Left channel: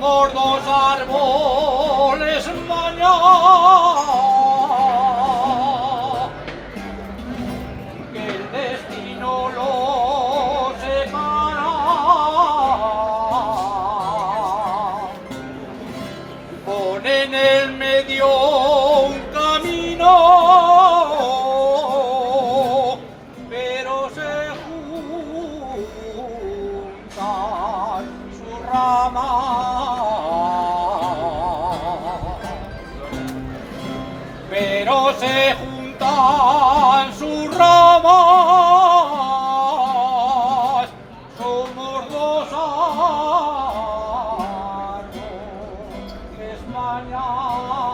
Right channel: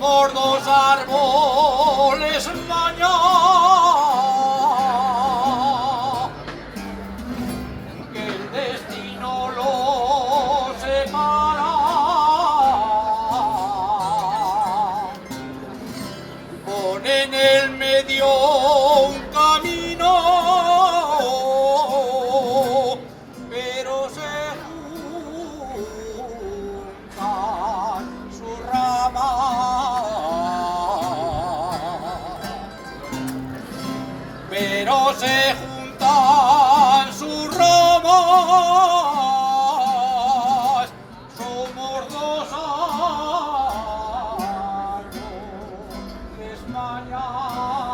por dos árboles mañana, que el destino los separa. Pone en el medio un camino, pero se juntan sus ramas, pero se juntan sus ramas, somos dos árboles mañana.